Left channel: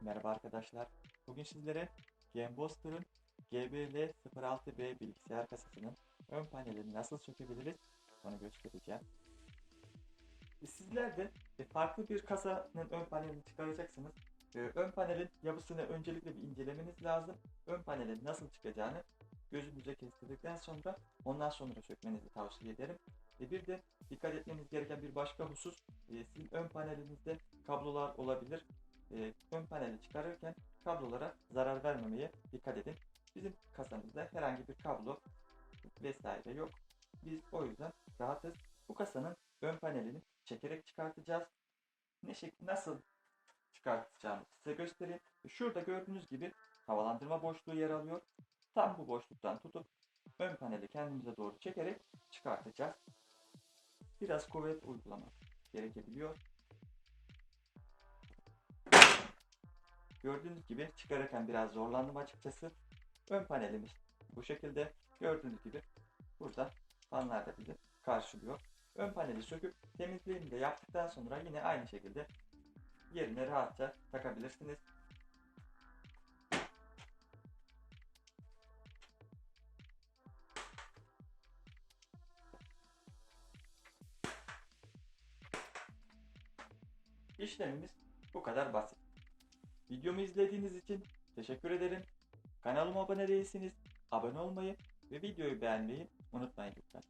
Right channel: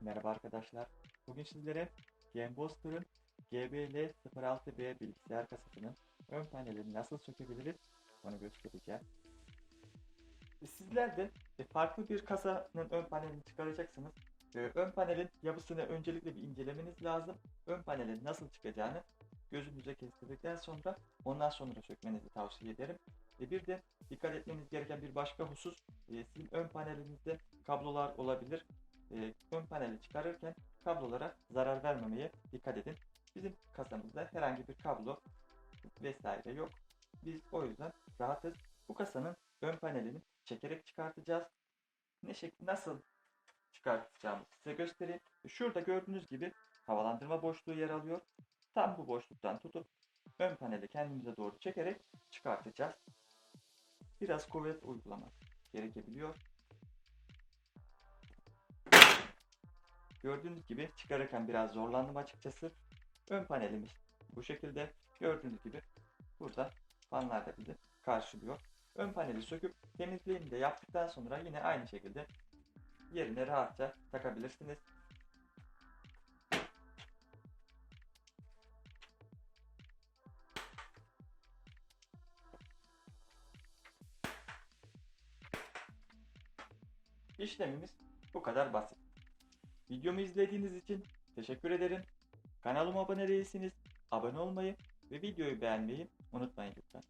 Merhaba arkadaşlar. Bugün sizlere Gameboster'ın GBL06B bilgisayar kasasının ön panelini nasıl sökebiliriz onu göstereceğim. Sizler de e, farklı bir kasanın ön panelini çıkaracaksınız. E, Ön panelin yapısını öncelikle bir incelemeniz lazım. Ön panelin nasıl çıkacağını gözünüze kestirdikten sonra ondan sonra sökmenizi tavsiye ederim. E, Bir de dikkat etmeniz gereken bir başka husus sizin ön panelinizde kablolar olabilir e, ön paneli çıkarırken kablolara zarar vermemeye dikkat edin. Bizim kasamızda herhangi bir kablo vesaire yok. Biz o yüzden rahatız. Bu kasanın ön panelini çekerek çıkartacağız. Ne şekil nasıl çıkartacağımızı size göstereyim. Şurada gördüğünüz gibi havalandırma boşluğu yer alıyor. Tam bu boşluktan tutup ön paneli kendimize doğru çekerek çıkartacağız. Biraz kuvvet uygulamak gerekebiliyor. Gördüğünüz gibi çıkarırken biraz zorlandım açıkçası. Ön panelimiz bu şekilde. Gördüğünüz gibi burada fanlar da bizi karşılıyor. Ön paneli söküp temizliğini de yaptıktan sonra yine aynı şekilde yerine rahatça takabilirsiniz. İşlemimiz bu kadar basit. Videomu izlediğiniz için teşekkür ederim. Kanalıma abone değilseniz abone olmayı ve videoyu beğenmeyi unutmayın lütfen.